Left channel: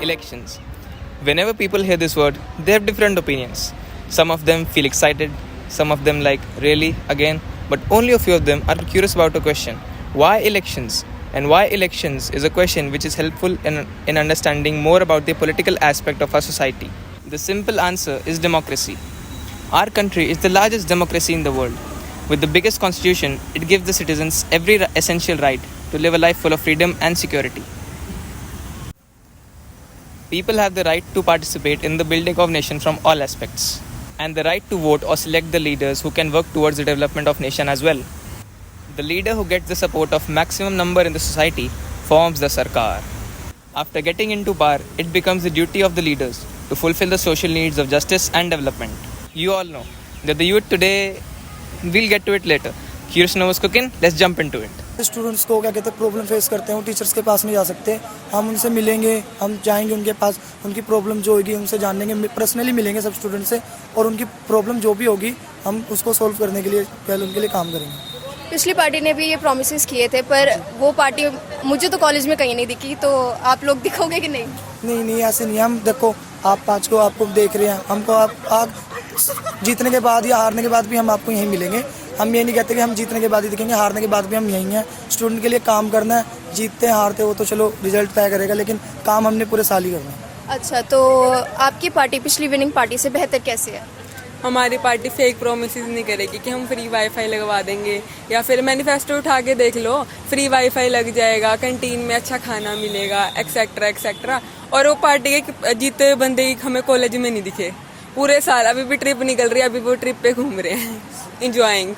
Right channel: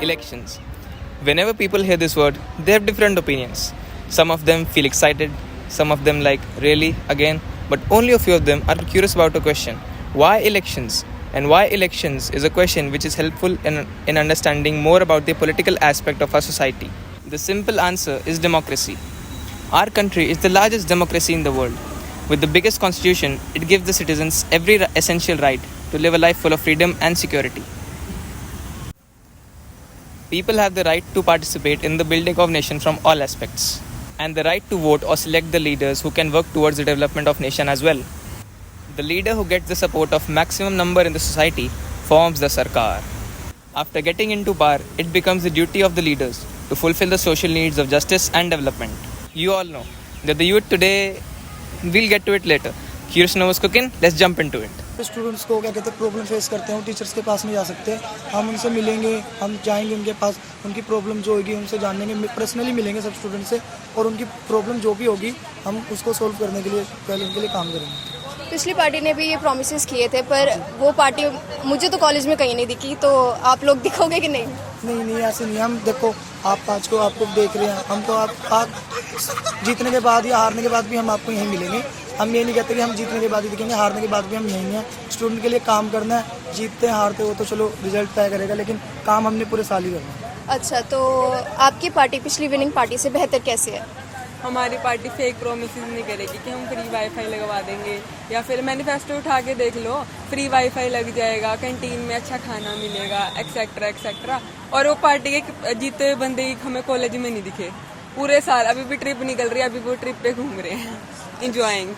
Elections. Whenever people hear this word, they have different opinions. Some of them feel excited, some of them like, really, again, but only a few of them are curious about a question. Why elections? And why elections is a question which is helpful in understanding more about the political aspect of our society. The simple answer is democracy. Our country is the largest democracy in the world. With the biggest constitution, it gives the citizens every essential right to live a life full of freedom and security. People have the right to participate in the building of nation from all aspects, and the right to vote or select the leaders who can work towards the development of nation as well. The leader who gets the support of maximum number in the society forms the Sarkar. After getting into power, it becomes the duty of the leaders to fulfill the social needs of justice and development. You all know that the youth today, we'll get to it later. Curious to know what's cooking? Let's jump into it. Students को क्या कहते हैं problem face करते हैं, वो teachers के पास नहीं जा सकते। हम उनसे मिलेंगे, हम जाएंगे उनके पास, उनकी प्रॉब्लम जो होगी उनसे जानेंगे, पर्सनली मिलेंगे सब स्टूडेंट से, और उनकी प्रॉब्लम जो भी होगी हम उसको सोल्व करने के लिए पहले उनके लिए काम करेंगे। पिछली पार्टी ने भी ये प्रॉमिसेस किए थे, पर वो पार्टी मुझे तो कॉलेज में कहीं नहीं दिखी, तो आप लोग दिखोगे कि नहीं? नहीं, ऐसे नहीं। हम देखो, आप आज को आपको देख रहे हैं, हमको आप जीतने के बाद या हारने के बाद भी हम आपको यहीं मिलेंगे। हम ये नहीं कहते कि हम जीतने के बाद ही दिखेंगे, हारने के बाद भी हम यहीं हैं। स्टूडेंट के लिए काम करना है, जीतते हारते हो तो चलो रिजल्ट तय करेगा, लेकिन काम हमने पूरे साल ही करना है। अच्छा, तो आपकी पार्टी पिछली विनिंग पार्टी से बेहतर कैसे है? हमारी पार्टी फेक प्रोमिसेस नहीं करेगी कि हम फ्री वाईफाई लगवा देंगे, या फिर मैनिफेस्टो उठा के देख लो, फ्री वाईफाई लग जाएगा, कैंटीन में अच्छा खाना मिलेगा, एक्सेट्रा एक्सेट्रा। और वो पार्टी के जीते हुए बंदे हमें कॉलेज में नहीं दिखे पूरे साल। अभी भी ट्रिप निकल रही है, अभी वो ट्रिप पे घूम रहे हैं, इंजॉइंग।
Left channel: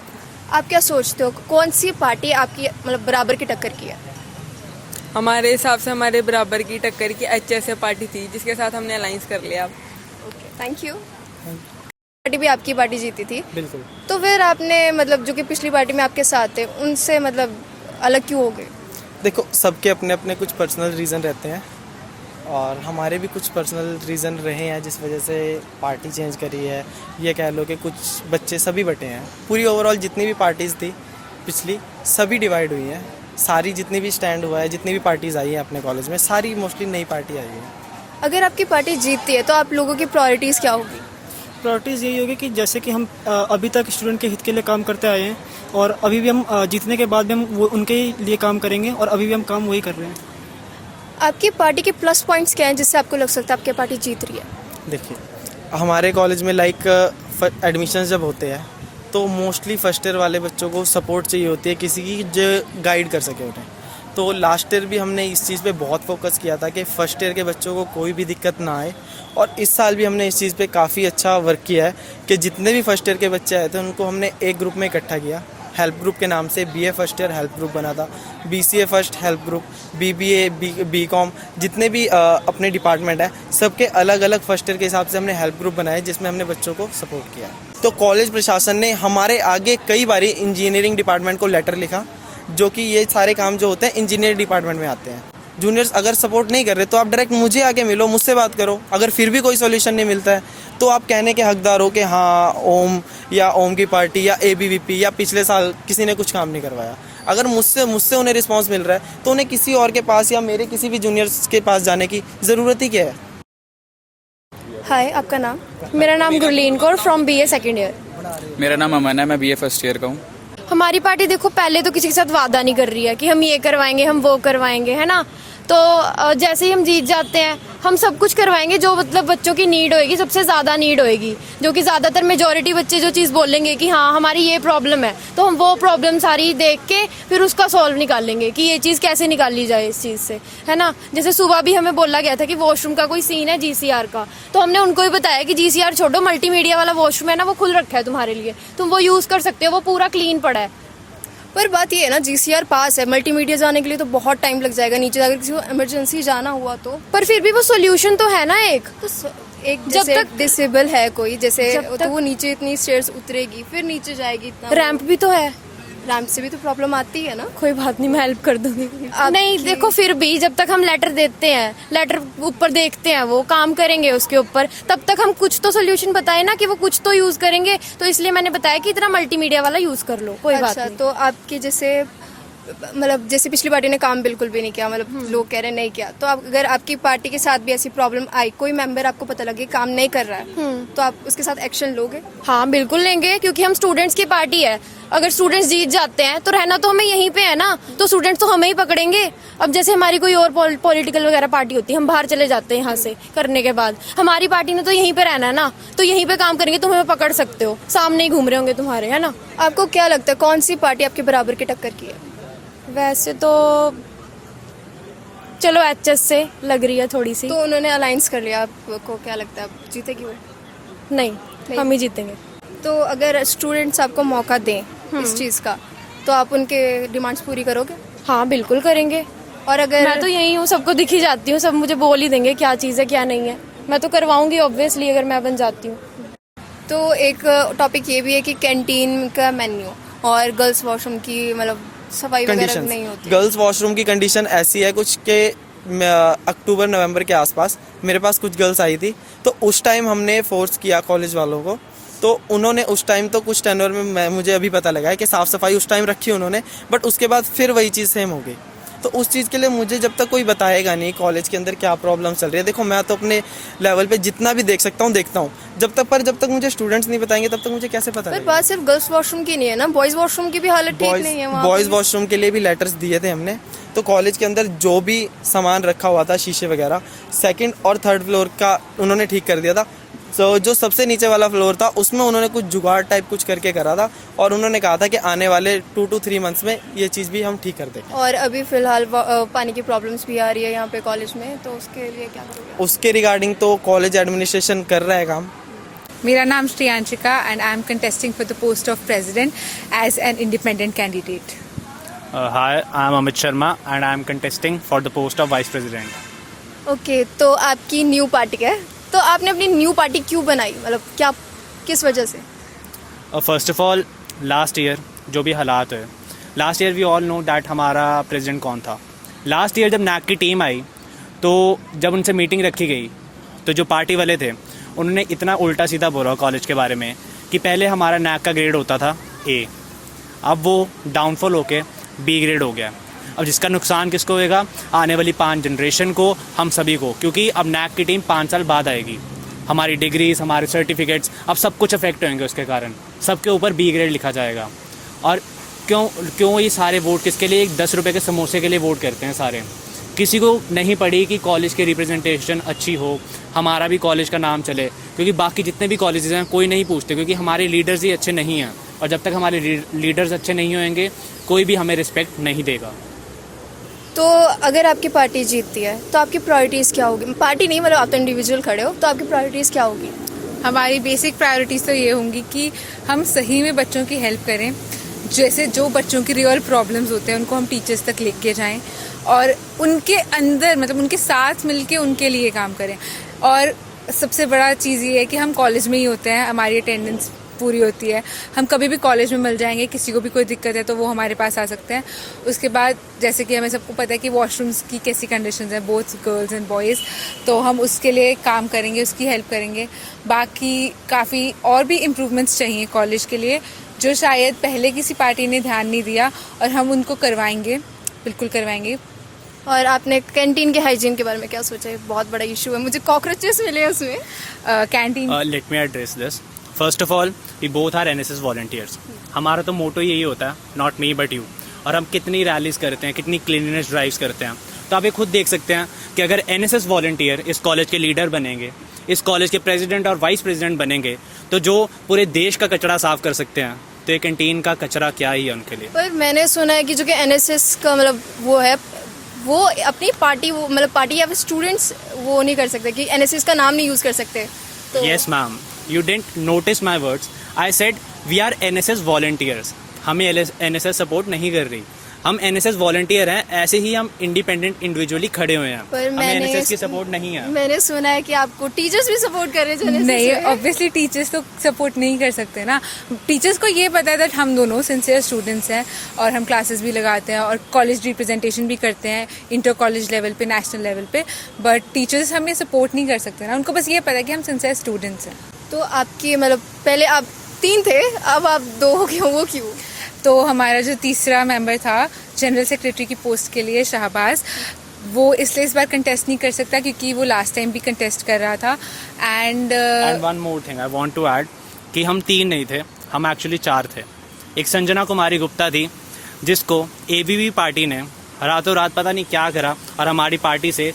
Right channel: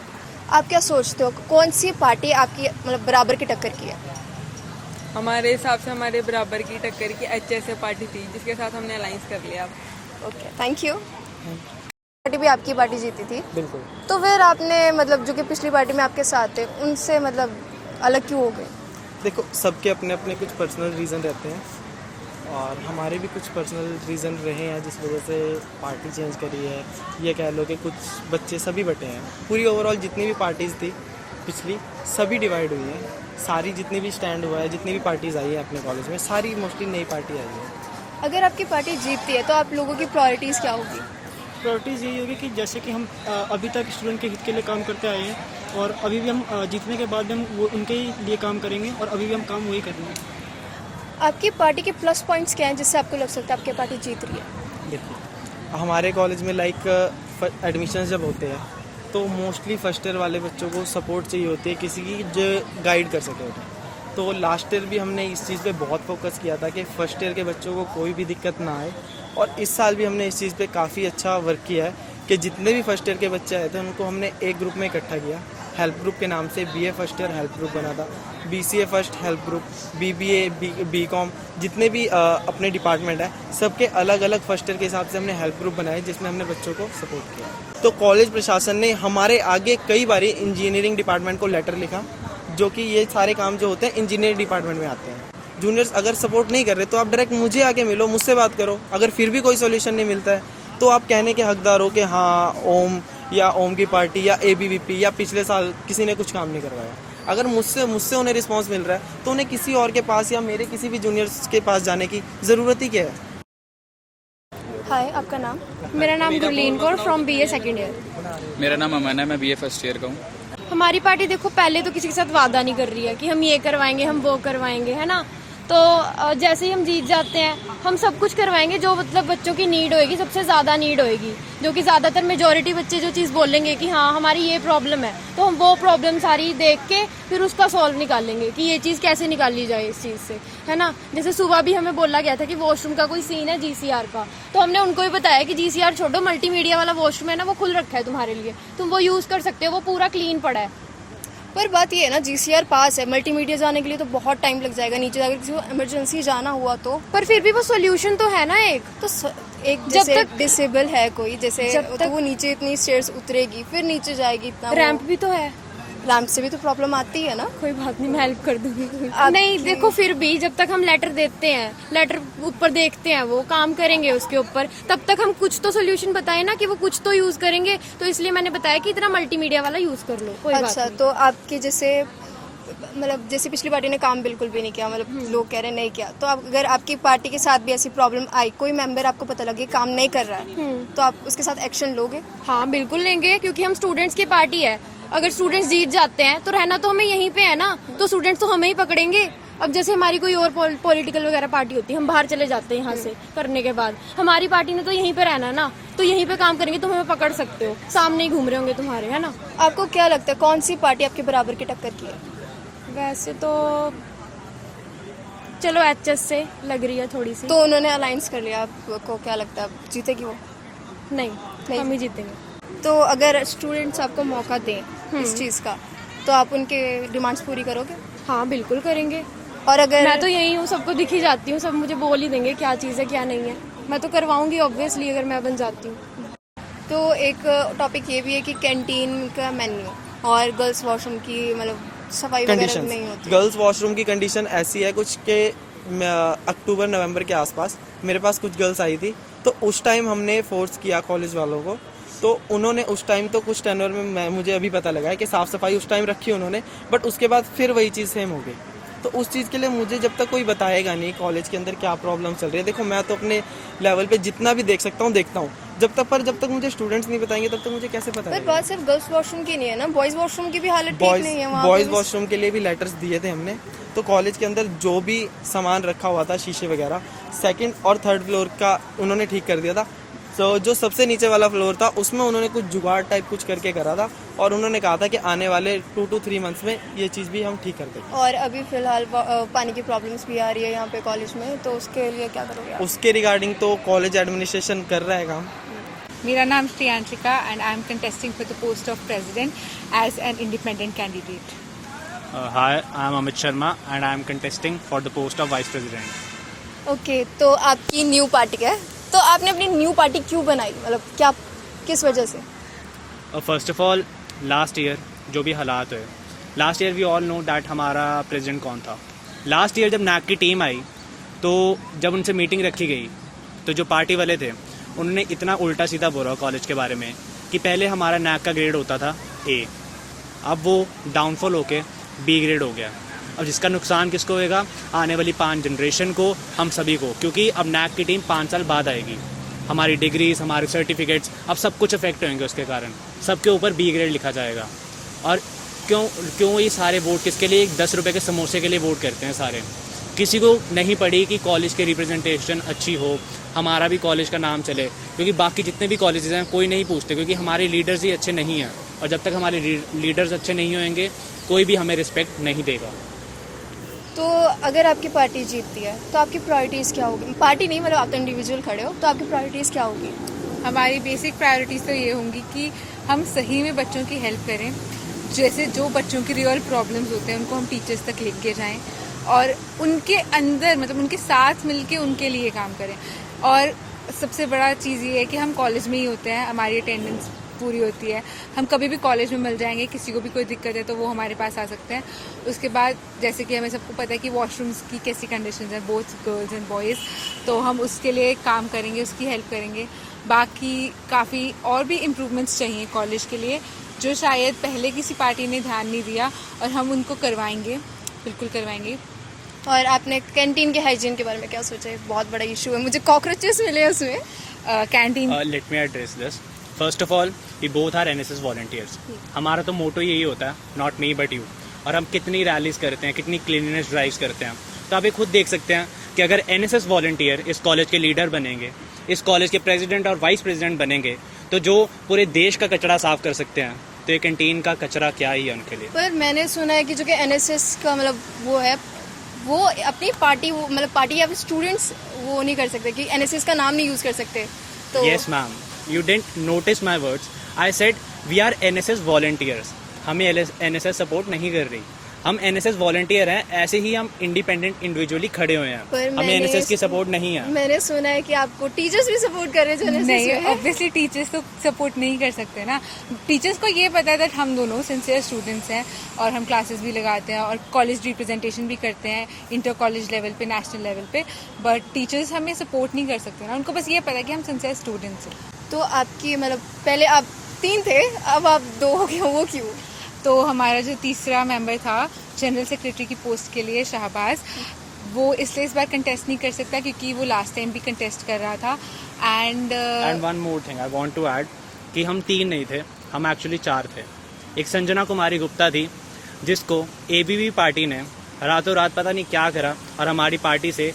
आप क्या सोचते हो, कौन सी पार्टी आपकी मतलब बराबर की टक्कर की है? हमारे हिसाब से हमारे बराबर की टक्कर की HSA पार्टी थी, जिसके साथ हमने अलायंस कर लिया। Okay, thank you. पार्टी भी आपकी पार्टी जीती थी, बिल्कुल। तो फिर आपने मतलब जो कि पिछली पार्टी में आपके साथ थे, उनसे मतलब अलग क्यों हो गए? देखो, सबके अपने अपने कुछ पर्सनल रीज़न रहते हैं, और हमारे भी कुछ पर्सनल रीज़न रहे हैं जिस वजह से पार्टी चेंज करी है। ये कह लो कि कुछ बच्चे सभी बटे हैं। पूरी ओवरऑल जितनी भी पार्टीज़ थी पिछली, सभी डिवाइड हुई हैं। सारी जितनी भी स्टैंड हुआ है, जितनी भी पार्टीज़ आई हैं अपने कॉलेज में, सारी मोस्टली नई पार्टी आई है। अगर आपकी पार्टी जीतती है तो आप लोगों की प्रायोरिटीज़ क्या होगी? प्रायोरिटीज़ यही होगी कि जैसे कि हम अभी तक स्टूडेंट के हित के लिए काम करते आए हैं, और अभी भी हम जीतने के बाद भी हम वो उनके लिए काम करेंगे, और अभी भी हम काम वही कर रहे हैं। आपकी पार्टी के प्लस पॉइंट्स क्या हैं जिससे आपको लग सकता है आपकी पार्टी जीत रही है? देखिए, हमारे कॉलेज में एडमिशन जब होते हैं तो मोस्टली फर्स्ट ईयर वाले बच्चों को सपोर्ट चाहिए होती है, किसी की जो गाइड कर सके होते हैं। तो लास्ट ईयर भी हमने इस चीज़ पे बहुत फोकस किया था कि फ़र्स्ट ईयर के बच्चों को कोई भी दिक्कत ना आए, और इस साल भी हमने इस चीज़ पे काफ़ी अच्छा वर्क किया है कि जितने भी फर्स्ट ईयर के बच्चे आए थे उनको हमने एक ग्रुप में इकट्ठा किया। हेल्प ग्रुप के नाम से BA first year help group बना था, BCA first help group, BBA BCom, जितने भी अपने डिपार्टमेंट है, सबके अलग अलग फर्स्ट ईयर के हिसाब से हमने हेल्प ग्रुप बनाए, जिसमें हमने बच्चों को सपोर्ट किया। तो कॉलेज प्रशासन ने हमारे आगे कई बारी इंजीनियरिंग डिपार्टमेंट को लेटर लिखा, जो कि ये सारे काम जो होते हैं इंजीनियरिंग डिपार्टमेंट में आते हैं। जूनियर्स अगर सपोर्ट नहीं कर रहे तो आप डायरेक्ट मुझे आके मिलो, मुझसे बात करो। अगर फिर भी कोई सोल्यूशन नहीं मिलता है तो आप कहने के हकदार हो कि हाँ, ओम की पार्टी या ABVP या पिछले साल किसी ने कुछ काम नहीं करवाया। अगर मुझसे उन्हें रिस्पांस मिल रहा है तो उन्हें किसी और के पास या मेरे किसी भी जूनियर्स के पास जाने की ज़रूरत ही क्या है? हाय, आपका नाम? मेरा नाम Gurleen Kaur, from BA second year. मेरा नाम अमन है, मैं BA फर्स्ट ईयर का हूँ। हमारी पार्टी देखो पहले तो किसी के साथ वादा नहीं कर रही है कि हम ये करवाएंगे, हम वो करवाएंगे, है ना। तो जैसे ही हम जीत जाते हैं, हम सब कुछ करवाएंगे जो मतलब बच्चों की नीड होएगी, सबसे ज़्यादा नीड होएगी, जो कि ज़्यादातर मेजॉरिटी बच्चे जो चीज़ बोलेंगे कि हाँ हमारी ये प्रॉब्लम है, तो हम वो प्रॉब्लम सारी देख के फिर उसका सॉल्व निकालेंगे कि ये चीज़ कैसे निकाली जाए इस चीज़ से, है ना। जैसे सुबह भी हमें बोला गया था कि वॉशरूम का कोई सीन है GCR का, तो हमने उनको ही बताया कि GCR छोड़ो, मल्टीमीडिया वाला वॉशरूम है ना, वो खुल रखा है तुम्हारे लिए, तुम वो यूज़ कर सकते हो, वो पूरा क्लीन पड़ा है। पर बात ये है ना, GCR पास है, मल्टीमीडिया जाने के लिए तो बहुत टाइम लग जाएगा नीचे, अगर किसी को इमरजेंसी जाना हुआ तो। पर फिर भी वो सोल्यूशन तो है ना एक, तो एक जब तक डिसेबल है कोई, जैसे तो वो नीचे इतनी स्टेयर्स उतरेगी, फिर नीचे जाएगी, इतना रैंप भी तो है, रैंप से भी तो प्रॉब्लम आती है ना। कोई बात नहीं, मैं हेल्प कर दूंगी। नहीं देखो, फिर भी जब तक हम लेटर देते हैं, लेटर ऊपर देखते हैं, वो काम करेंगे उसके ऊपर, तब तक हम कुछ तो सोल्यूशन बताए ना कि वो कुछ तो यूज करेंगे। तो इसलिए मैंने बताया कि इतना मल्टीमीडिया वाला यूज कर लो, कोई बात नहीं। तो आपकी जैसे मतलब जैसे पिछली पार्टी ने काम बिल्कुल भी नहीं किया, मतलब लोग कह रहे हैं नहीं किया, तो आप अगर आपकी पार्टी के साथ भी ऐसी प्रॉब्लम आई, कोई मेंबर आपको पता लगे काम नहीं कर रहा है, तो आप उसके साथ एक्शन लोगे? हाँ बिल्कुल लेंगे, क्योंकि हम स्टूडेंट्स की पार्टी है। अगर स्टूडेंट्स जीत जाते हैं तो रहना तो हमें यहीं पे है ना, तो स्टूडेंट्स तो हमें ही पकड़ेंगे। अब जैसे हमारी कोई और पॉलिटिकल वगैरह पार्टी होती है, हम बाहर चले जाते हैं यहाँ से करने के बाद, हमारी पार्टी ने तो यहीं पे रहना है ना, तो यहीं पे काम करेंगे, तुम हमें पकड़ सकते हो, सामने ही घूम रहे होंगे तुम्हारे, है ना। आपको क्या लगता है कौन सी पार्टी आपके बराबर की टक्कर की है? वैसे तो चलो एचएस से लग रही है थोड़ी सी, तो उन्होंने अलायंस कर लिया, आपको क्या लगता है आप जीतेगी वो? नहीं हम ही जीतेंगे। तो अगर स्टूडेंट्स आपको मौका दें इस चीज़ का, तो आप उनके डिमांड्स पूरी करोगे? हाँ बिल्कुल करेंगे। और अगर मैं तो यही हूँ, सबको दिखी जाती हूँ, सब मुझे बोल ही देंगे क्या चीज़ है क्या नहीं है, मैं तो करवाऊंगी ऑब्वियसली अगर मैं बन जाती हूँ। तो एक टॉपिक ये भी है कि कैंटीन का मेन्यू और गर्ल्स वॉशरूम की मतलब सफाई वगैरह नहीं होती। गर्ल्स वॉशरूम की कंडीशन ऐसी है कुछ के अक्टूबर नवंबर के आसपास मेरे पास कुछ गर्ल्स आई थी, तो उस टाइम हमने फोर्स किया कॉलेज वालों को, तो उन्होंने उस टाइम तो कुछ टेनर में मुझे अभी पता लगा है कि साफ़ सफाई उस टाइम रखी उन्होंने, बट उसके बाद फिर वही चीज़ सेम हो गई। तो उस चीज़ के लिए मुझे जब तक कोई बताएगा नहीं कॉलेज के अंदर क्या प्रॉब्लम चल रही है, देखो मैं तो अपने लेवल पे जितना भी देख सकता हूँ देखता हूँ, जब तक मुझे स्टूडेंट्स नहीं बताएंगे तब तक मुझे कैसे पता पर लगेगा। बात सिर्फ गर्ल्स वॉशरूम की नहीं है ना, बॉयज़ वॉशरूम की भी हालत ठीक नहीं है वहाँ पे बॉयज़ भी। वॉशरूम के लिए भी लेटर्स दिए थे हमने, तो कॉलेज के अंदर जो भी सामान रखा हुआ था शीशे वगैरह, सेकंड और थर्ड फ्लोर का उन्होंने ठीक कर दिया था। तो जो सबसे नीचे वाला फ्लोर था उसमें उन्होंने कुछ जुगाड़ टाइप कुछ करके करा था, और उन्होंने कहा था कि आने वाले 2 to 3 मंथ्स में ये चीज़ भी हम ठीक कर देंगे। और अभी फिलहाल पानी की प्रॉब्लम्स भी आ रही है यहाँ पे कॉलेज में, तो उसके लिए क्या करोगे आप? उसके रिगार्डिंग तो कॉलेज एडमिनिस्ट्रेशन कर रहा है काम। मेरा नाम Shreyanshika and I am contesting for the post of president as an independent candidate. Hi, I am Amit Sharma and I am contesting for the post of Vice President. Okay, तो आपकी new party है, तो आपने अपनी new party क्यों बनाई, मतलब क्या किस वजह से? First of all, last year जो भी हालात है, last year we all know that हमारा प्रेसिडेंट कौन था। Last year जब नैक की टीम आई, तो जब उनसे मीटिंग रखी गई, तो जो पार्टी वाले थे उन्होंने इतना उल्टा सीधा बोला कॉलेज के बारे में कि पहले हमारा नैक का ग्रेड होता था A, अब वो डाउनफॉल होके B ग्रेड हो गया। अब जिसका नुकसान किसको होएगा? आने वाली 5 जनरेशन को, हम सभी को, क्योंकि अब नैक की टीम 5 साल बाद आएगी। हमारी डिग्रीज, हमारे सर्टिफिकेट्स, अब सब कुछ अफेक्ट होंगे उसके कारण, सबके ऊपर B ग्रेड लिखा जाएगा। और क्यों ये सारे वोट किसके लिए? 10 रुपये के समोसे के लिए वोट करते हैं सारे। किसी को नहीं पड़ी कि कॉलेज की रिप्रेजेंटेशन अच्छी हो, हमारा भी कॉलेज का नाम चले, क्योंकि बाकी जितने भी कॉलेजेस हैं कोई नहीं पूछते, क्योंकि हमारे लीडर्स ही अच्छे नहीं हैं, और जब तक हमारे लीडर्स अच्छे नहीं होंगे कोई भी हमें रिस्पेक्ट नहीं देगा। तो अगर आपकी पार्टी जीतती है तो आपकी प्रायोरिटीज़ क्या होगी? पार्टी नहीं, मतलब आप तो इंडिविजुअल खड़े हो, तो आपकी प्रायोरिटीज़ क्या होगी? हमारी बेसिक प्रायोरिटीज़ तो ये होंगी कि हम सही में बच्चों की हेल्प करें, जैसे जो बच्चों की रियल प्रॉब्लम्स होते हैं उनको हम टीचर्स तक लेके जाएं, और उनके अंदर मतलब उनके साथ मिलके उनके लिए काम करें। और सबसे बड़ा चीज़ ये है कि हम कॉलेज में ही होते हैं, हमारी अटेंडेंस पूरी होती है, हम कभी भी कॉलेज में मिल जाएंगे, किसी को भी कोई दिक्कत है तो वो हमारे पास आ सकते हैं। उसके बाद जैसे कि हमें सबको पता है कि वॉशरूम्स की कैसी कंडीशंस हैं, बोथ गर्ल्स एंड बॉयज़, तो हम उसके लिए काम करेंगे, उसकी हेल्प करेंगे। बाकी काफ़ी और भी इम्प्रूवमेंट्स चाहिए कॉलेज के लिए, जो शायद पहले किसी पार्टी ने ध्यान नहीं दिया, और हम उनको करवाएंगे, बिल्कुल करवाएंगे। और आपने कैंटीन के हाइजीन के बारे में क्या सोचा है? बहुत बड़ा इशू है, मुझे कॉकरोचेस मिले हैं उसमें। Canteen Let me address this. First of all, we both are NSS volunteers. हमारा तो मोटो यही होता है, नॉट मी बट यू। और हम कितनी रैलीज करते हैं, कितनी क्लीननेस ड्राइव्स करते हैं, तो आप ये खुद देख सकते हैं कि अगर NSS वॉलंटियर इस कॉलेज के लीडर बनेंगे, इस कॉलेज के प्रेसिडेंट और वाइस प्रेसिडेंट बनेंगे, तो जो पूरे देश का कचरा साफ कर सकते हैं, तो ये कैंटीन का कचरा क्या ही है उनके लिए। पर मैंने सुना है कि जो कि NSS का मतलब वो है, वो अपनी पार्टी, वो मतलब पार्टी या फिर स्टूडेंट्स वो नहीं कर सकते, कि NSS का नाम नहीं यूज़ कर सकते। तो Yes ma'am, you didn't notice my words. I said we are NSS volunteers. हमें NSS सपोर्ट नहीं कर रही, हम NSS वॉलंटियर हैं, ऐसे ही हम इंडिपेंडेंट इंडिविजुअली खड़े हुए हैं, पर हमें NSS की सपोर्ट नहीं है। मैंने सुना है कि आपको टीचर्स भी सपोर्ट कर रहे थे। नहीं, ऑब्वियसली टीचर्स तो सपोर्ट नहीं कर सकते ना। टीचर्स को ये पता है दैट हम दोनों सिंसियर स्टूडेंट्स हैं, और हम क्लासेस भी लगाते हैं और कॉलेज रिप्रेजेंटेशन भी करते हैं इंटर कॉलेज लेवल पे, नेशनल लेवल पे, बट टीचर्स हमें सपोर्ट नहीं कर सकते ना, उनको बस ये पता है कि हम सिंसियर स्टूडेंट्स हैं। तो आपकी मतलब पहले आप 3 थे, अब आप 2 हो गए, वो क्यों? तो हमारा जो तीसरा मेंबर था जनरल सेक्रेटरी की पोस्ट के लिए शाहबाज, वो इसलिए इस बार कंटेस्ट नहीं कर सकता क्योंकि वो लास्ट टाइम भी कंटेस्ट कर रहा था। And one more thing I want to add कि हम 3 नहीं थे, हम एक्चुअली 4 थे। एक संजना कुमारी गुप्ता थी जिसको एबीवी पार्टी ने रातों रात पता नहीं क्या करा और हमारी पार्टी से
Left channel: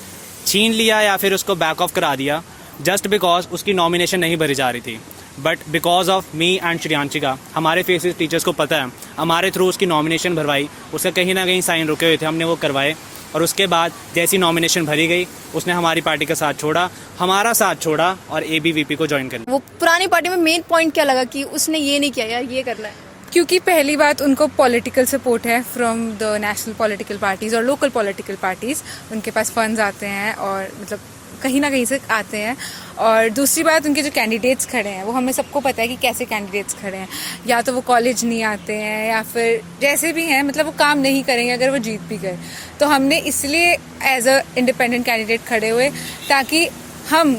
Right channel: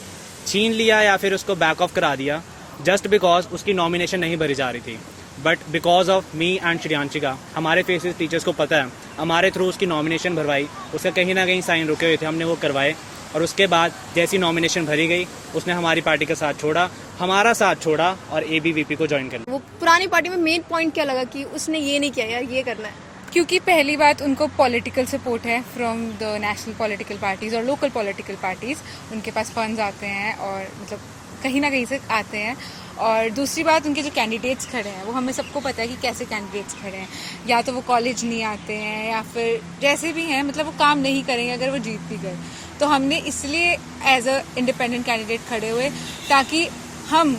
छीन लिया या फिर उसको बैक ऑफ करा दिया, जस्ट बिकॉज उसकी नॉमिनेशन नहीं भरी जा रही थी। But because of me and Shriyanshika, हमारे फेसेस टीचर्स को पता है, हमारे थ्रू उसकी नॉमिनेशन भरवाई, उसके कहीं ना कहीं साइन रुके हुए थे, हमने वो करवाए और उसके बाद जैसी नॉमिनेशन भरी गई उसने हमारी पार्टी का साथ छोड़ा, हमारा साथ छोड़ा और एबीवीपी को ज्वाइन कर लिया। वो पुरानी पार्टी में मेन पॉइंट क्या लगा कि उसने ये नहीं किया यार ये करना है? क्योंकि पहली बात उनको पॉलिटिकल सपोर्ट है from the national political parties और लोकल पॉलिटिकल पार्टीज, उनके पास फंड्स आते हैं और मतलब कहीं ना कहीं से आते हैं। और दूसरी बात उनके जो कैंडिडेट्स खड़े हैं वो हमें सबको पता है कि कैसे कैंडिडेट्स खड़े हैं, या तो वो कॉलेज नहीं आते हैं या फिर जैसे भी हैं, मतलब वो काम नहीं करेंगे अगर वो जीत भी गए। तो हमने इसलिए एज अ इंडिपेंडेंट कैंडिडेट खड़े हुए ताकि हम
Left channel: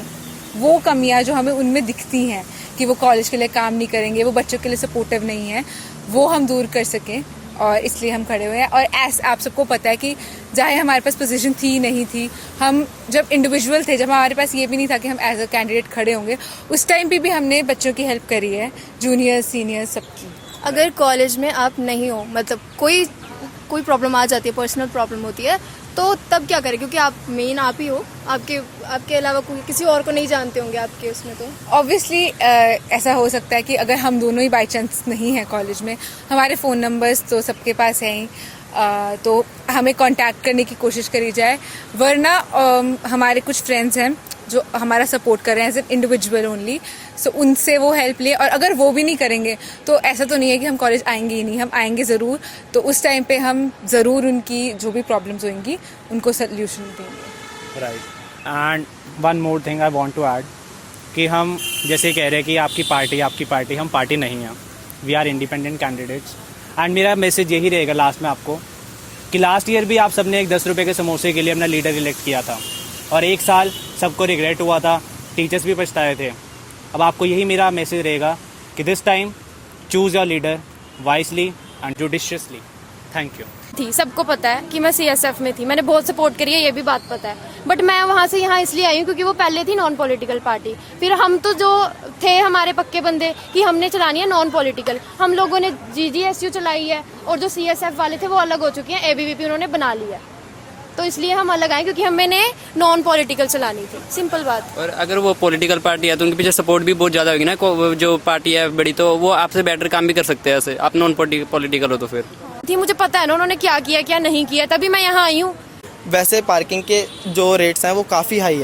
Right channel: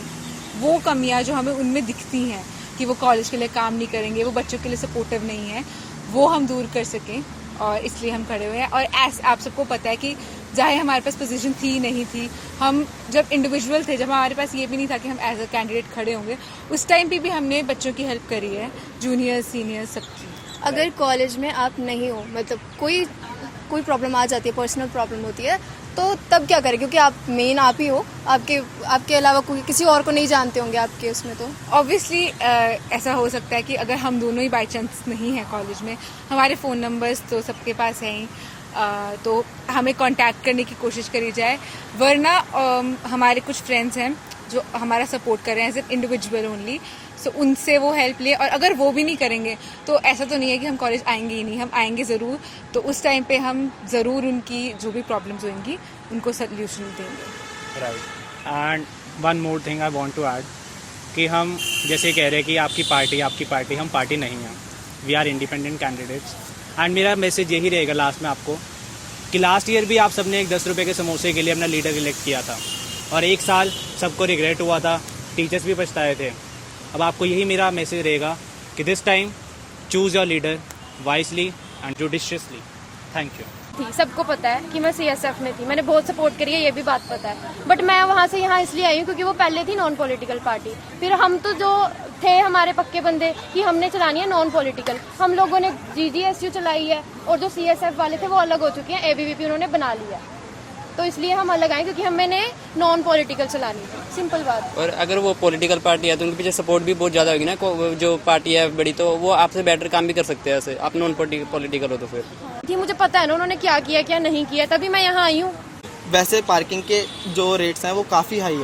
वो कमियां जो हमें उनमें दिखती हैं कि वो कॉलेज के लिए काम नहीं करेंगे, वो बच्चों के लिए सपोर्टिव नहीं है, वो हम दूर कर सकें। और इसलिए हम खड़े हुए हैं। और आप सबको पता है कि चाहे हमारे पास पोजीशन थी नहीं थी, हम जब इंडिविजुअल थे, जब हमारे पास ये भी नहीं था कि हम एज अ कैंडिडेट खड़े होंगे, उस टाइम पे भी हमने बच्चों की हेल्प करी है, जूनियर्स सीनियर्स सबकी। अगर कॉलेज में आप नहीं हो, मतलब कोई प्रॉब्लम आ जाती है, पर्सनल प्रॉब्लम होती है, तो तब क्या करें? क्योंकि आप मेन आप ही हो, आपके अलावा किसी और को नहीं जानते होंगे आपके उसमें। तो ऑब्वियसली ऐसा हो सकता है कि अगर हम दोनों ही बाई चांस नहीं है कॉलेज में, हमारे फ़ोन नंबर्स तो सबके पास हैं ही, तो हमें कांटेक्ट करने की कोशिश करी जाए। वरना हमारे कुछ फ्रेंड्स हैं जो हमारा सपोर्ट कर रहे हैं एज एन इंडिविजुअल ओनली, सो उनसे वो हेल्प ले। और अगर वो भी नहीं करेंगे तो ऐसा तो नहीं है कि हम कॉलेज आएंगे ही नहीं, हम आएंगे ज़रूर। तो उस टाइम पे हम ज़रूर उनकी जो भी प्रॉब्लम्स होंगी उनको सोल्यूशन देंगे। Right. And one more thing I want to add कि हम जैसे कह रहे हैं कि आपकी पार्टी, हम पार्टी नहीं हैं, we are independent candidates. And मेरा मैसेज यही रहेगा लास्ट में आपको कि लास्ट ईयर भी आप सबने एक 10 रुपये के समोसे के लिए अपना लीडर इलेक्ट किया था और 1 साल सबको रिग्रेट हुआ था, टीचर्स भी पछताए थे। अब आपको यही मेरा मैसेज रहेगा कि this time choose your leader wisely and judiciously. Thank you. थी, सबको पता है कि मैं सीएसएफ में थी, मैंने बहुत सपोर्ट करी है, ये भी बात पता है। बट मैं वहाँ से यहाँ इसलिए आई हूँ क्योंकि वो पहले थी नॉन पॉलिटिकल पार्टी, फिर हम तो जो थे हमारे पक्के बंदे कि हमने चलानी है नॉन पॉलिटिकल, हम लोगों ने जीजीएसयू चलाई है और जो सीएसएफ वाले थे वो अलग हो चुके हैं, एबीवीपी उन्होंने बना लिया, तो इसलिए हम अलग आए क्योंकि हमने नॉन पॉलिटिकल चलानी थी, सिंपल बात। और अगर वो पॉलिटिकल पार्टी है तो उनके पीछे सपोर्ट भी बहुत ज़्यादा होगी ना, जो पार्टी है बड़ी, तो वो आपसे बेटर काम भी कर सकते हैं ऐसे, आप नॉन पॉलिटिकल हो तो फिर थी मुझे पता है ना उन्होंने क्या किया क्या नहीं किया, तभी मैं यहाँ आई हूँ। वैसे पार्किंग के जो रेट्स हैं वो काफ़ी हाई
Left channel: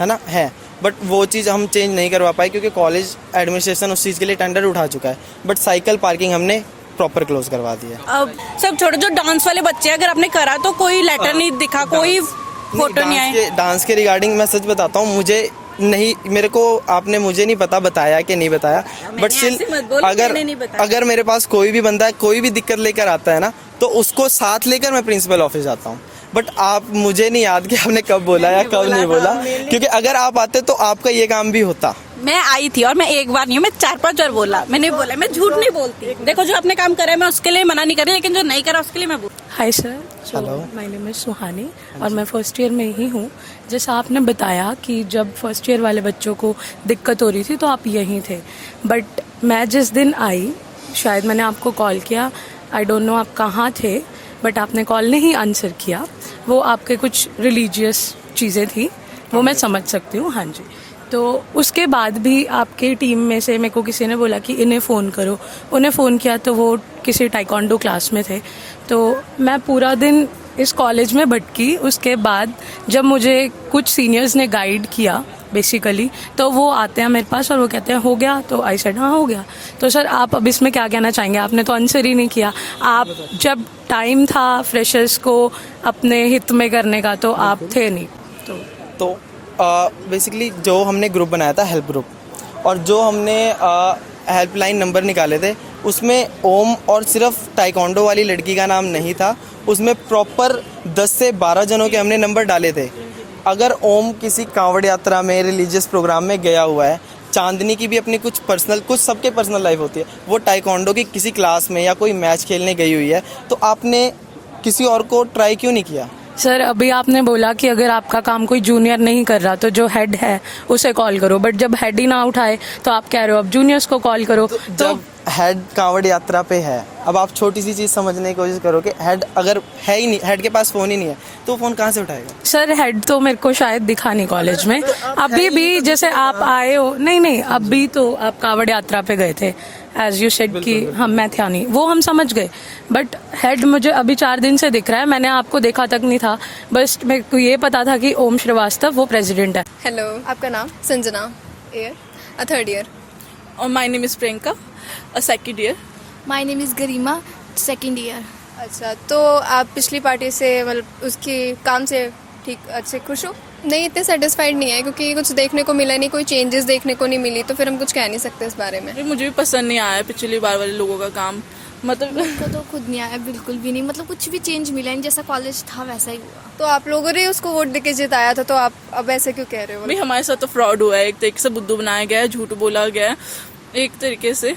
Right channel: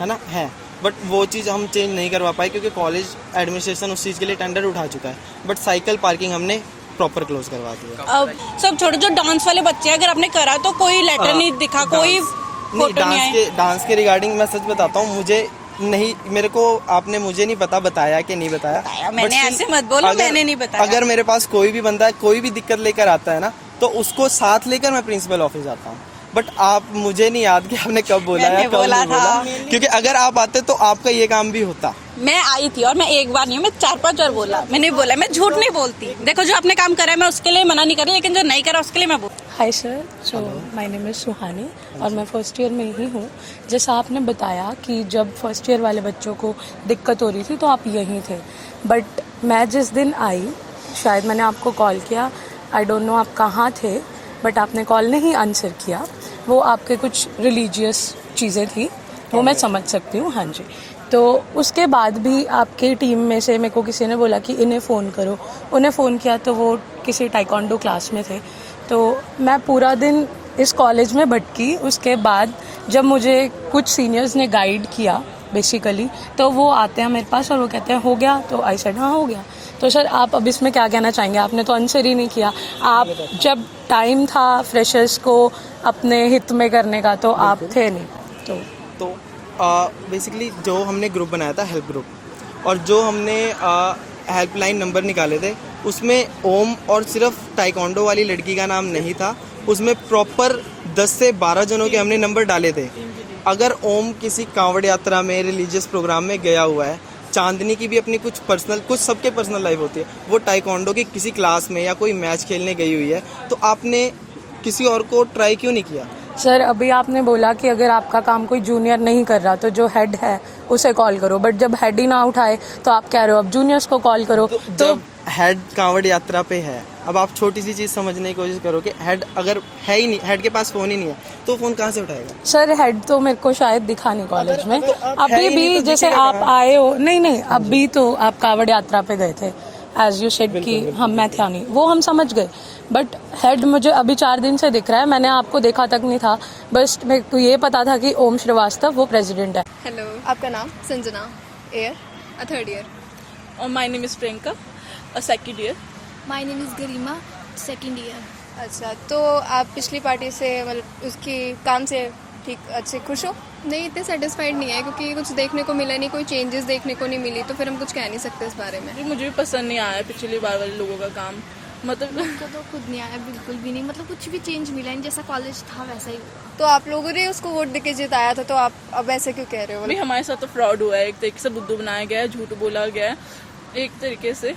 है ना, है, बट वो चीज़ हम चेंज नहीं करवा पाए क्योंकि कॉलेज एडमिनिस्ट्रेशन उस चीज़ के लिए टेंडर उठा चुका है। बट साइकिल पार्किंग हमने प्रॉपर क्लोज करवा दिया। अब सब छोटे जो डांस वाले बच्चे हैं, अगर आपने करा तो कोई लेटर नहीं दिखा, कोई फोटो नहीं आई। डांस के रिगार्डिंग मैं सच बताता हूँ, मुझे नहीं, मेरे को आपने मुझे नहीं पता बताया कि नहीं बताया, बट स्टिल अगर मेरे पास कोई भी बंदा कोई भी दिक्कत लेकर आता है ना तो उसको साथ लेकर मैं प्रिंसिपल ऑफिस जाता हूँ। बट आप, मुझे नहीं याद कि आपने कब बोला या कब नहीं बोला, क्योंकि अगर आप आते तो आपका ये काम भी होता। मैं आई थी और मैं एक बार नहीं, मैं 4-5 बार बोला, मैंने बोला, मैं झूठ नहीं बोलती। देखो जो आपने काम करा है मैं उसके लिए मना नहीं कर रही, लेकिन जो नहीं करा उसके लिए मैं बोल। Hi sir, so my name is Suhani और मैं फर्स्ट ईयर में ही हूँ। जैसा आपने बताया कि जब फर्स्ट ईयर वाले बच्चों को दिक्कत हो रही थी तो आप यहीं थे, बट मैं जिस दिन आई, शायद मैंने आपको कॉल किया, आई डोंट नो आप कहाँ थे, बट आपने कॉल नहीं आंसर किया। वो आपके कुछ रिलीजियस चीज़ें थी, वो मैं समझ सकती हूँ, हाँ जी। तो उसके बाद भी आपके टीम में से मेरे को किसी ने बोला कि इन्हें फ़ोन करो, उन्हें फ़ोन किया तो वो किसी टाइकोंडो क्लास में थे। तो मैं पूरा दिन इस कॉलेज में भटकी। उसके बाद जब मुझे कुछ सीनियर्स ने गाइड किया बेसिकली, तो वो आते हैं मेरे पास और वो कहते हैं हो गया, तो आई सेड हाँ हो गया। तो सर आप अब इसमें क्या कहना चाहेंगे? आपने तो आंसर ही नहीं किया। आप जब टाइम था फ्रेशर्स को अपने हित में करने का तो आप थे नहीं। तो बेसिकली जो हमने ग्रुप बनाया था, हेल्प ग्रुप, और जो हमने हेल्पलाइन नंबर निकाले थे उसमें ओम और सिर्फ टाइकोंडो वाली लड़की का नाम नहीं था, उसमें प्रॉपर 10 से 12 जनों के हमने नंबर डाले थे। अगर ओम किसी कांवड़ यात्रा में, रिलीजियस प्रोग्राम में गया हुआ है, चांदनी की भी अपनी कुछ सबके पर्सनल लाइफ होती है, वो टाइकोंडो की किसी क्लास में या कोई मैच खेलने गई हुई है, तो आपने किसी और को ट्राई क्यों नहीं किया? सर अभी आपने बोला कि अगर आपका काम कोई जूनियर नहीं कर रहा तो जो हेड है उसे कॉल करो, बट जब हेड ही ना उठाए तो आप कह रहे हो अब जूनियर्स को कॉल करो। तो हेड कांवड़ यात्रा पे है, अब आप छोटी सी चीज़ समझने की कोशिश करो कि हेड अगर है ही नहीं, हेड के पास फ़ोन ही नहीं है तो फ़ोन कहाँ से उठाएगा? सर हेड तो मेरे को शायद दिखा नहीं कॉलेज में। अभी भी जैसे आप आए हो, नहीं अभी तो आप कावड़ यात्रा पे गए थे, एज यू सेड कि हम मैं था नहीं, वो हम समझ गए, बट हेड मुझे अभी 4 दिन से दिख रहा है, मैंने आपको देखा तक नहीं था, बस मेरे को ये पता था कि ओम श्रीवास्तव वो प्रेसिडेंट है। हेलो, आपका नाम? Sanjana, third year. और my name is Priyanka, second year. My name is Garima, second year. अच्छा, तो आप पिछली पार्टी से मतलब उसके काम से ठीक अच्छे खुश हो? नहीं, इतने सेटिस्फाइड नहीं है क्योंकि कुछ देखने को मिला नहीं, कोई चेंजेस देखने को नहीं मिली, तो फिर हम कुछ कह नहीं सकते इस बारे में। मुझे भी पसंद नहीं आया पिछली बार वाले लोगों का काम, मतलब को तो खुद नहीं आया, बिल्कुल भी नहीं, मतलब कुछ भी चेंज मिला नहीं, जैसा कॉलेज था वैसा ही। तो आप लोगों ने उसको वोट देके जिताया था, तो आप अब ऐसे क्यों कह रहे हो? भाई हमारे साथ तो फ्रॉड हुआ है, एक तरीके से बुद्धू बनाया गया है, झूठ बोला गया है एक तरीके से,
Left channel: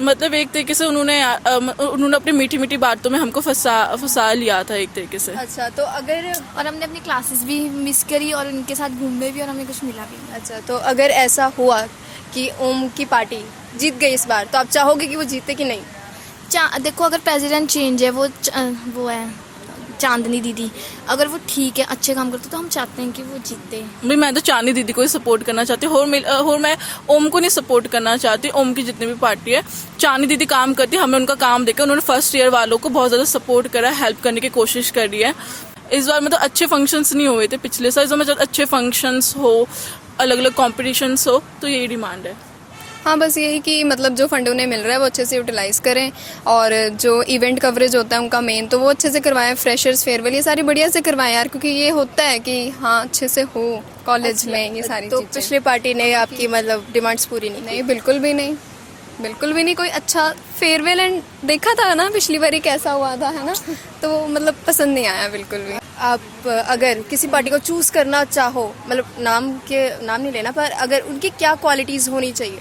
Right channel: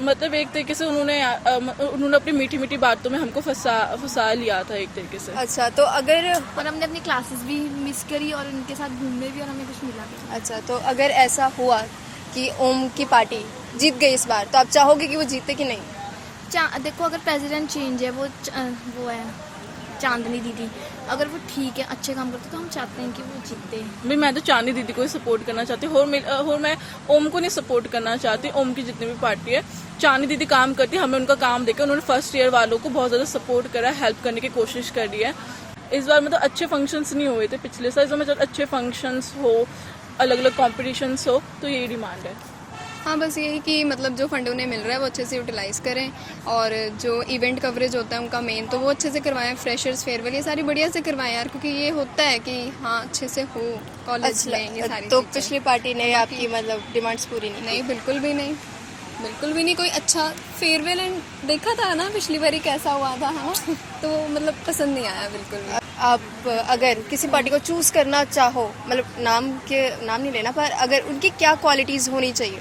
मतलब एक तरीके से उन्होंने अपनी मीठी मीठी बातों में हमको फंसा लिया था एक तरीके से। अच्छा, तो अगर और हमने अपनी क्लासेस भी मिस करी और उनके साथ घूमने भी और हमें कुछ मिला भी नहीं। अच्छा, तो अगर ऐसा हुआ कि ओम की पार्टी जीत गई इस बार, तो आप चाहोगे कि वो जीते कि नहीं? देखो अगर प्रेसिडेंट चेंज है, वो है चांदनी दीदी, अगर वो ठीक है, अच्छे काम करते तो हम चाहते हैं कि वो जीते। भाई मैं तो चांदनी दीदी को ही सपोर्ट करना चाहती हूँ, और मैं ओम को नहीं सपोर्ट करना चाहती। ओम की जितनी भी पार्टी है, चांदनी दीदी काम करती है, हमें उनका काम देखा, उन्होंने फर्स्ट ईयर वालों को बहुत ज़्यादा सपोर्ट करा, हेल्प करने की कोशिश करी है। इस बार मतलब अच्छे फंक्शंस नहीं हुए थे पिछले साल, इस बार मतलब अच्छे फंक्शंस हो, अलग अलग कॉम्पिटिशन्स हो, तो यही डिमांड है। हाँ, बस यही कि मतलब जो फंड उन्हें मिल रहा है वो अच्छे से यूटिलाइज करें, और जो इवेंट कवरेज होता है उनका मेन, तो वो अच्छे से करवाएं, फ्रेशर्स फेयरवेल ये सारी बढ़िया से करवाएं यार, क्योंकि ये होता है कि हाँ अच्छे से हो कॉलेज में ये सारी तो चीज़ें। पिछली पार्टी ने आपकी मतलब डिमांड्स पूरी नहीं, बिल्कुल भी नहीं, बिल्कुल भी नहीं। कोई अच्छा फेयरवेल एंड देखा था ना पिछली बारी कैसा हुआ था, है ना, तो मतलब पसंद नहीं आया बिल्कुल भी। आप अगर किसी पार्टी को चूज करना चाहो, मतलब नाम नहीं लेना, पर अगर उनकी क्या क्वालिटीज होनी चाहिए?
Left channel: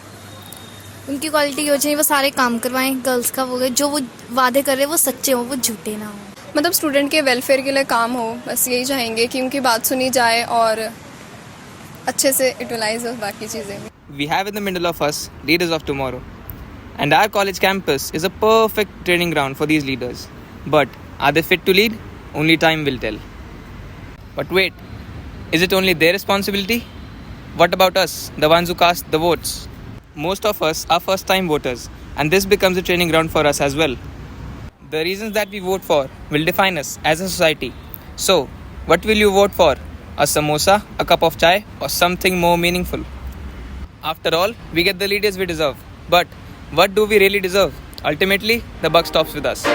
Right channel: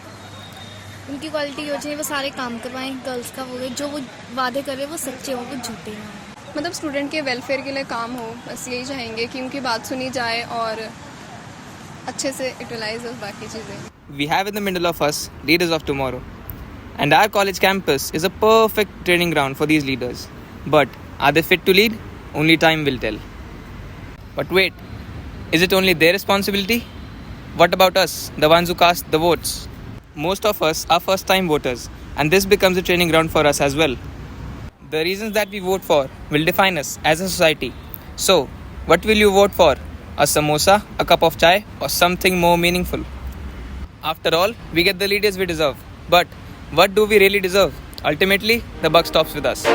उनकी क्वालिटी हो चाहिए वो सारे काम करवाएं, गर्ल्स का वो जो वो वादे कर रहे हैं वो सच्चे हो, वो झूठे ना हो। मतलब स्टूडेंट के वेलफेयर के लिए काम हो, बस यही चाहेंगे कि उनकी बात सुनी जाए और अच्छे से यूटिलाइज हो बाकी चीज़ें। We have in the middle of us leaders of tomorrow, and our college campus is a perfect training ground for these leaders. But are they fit to lead? Only time will tell. But wait, is it only their responsibility? What about us, the ones who cast the votes? Most of us are first-time voters, and this becomes a training ground for us as well. The reasons that we vote for will define us as a society. So, what will you vote for? A samosa, a cup of chai, or something more meaningful? After all, we get the leaders we deserve. But what do we really deserve? Ultimately, the buck stops with us.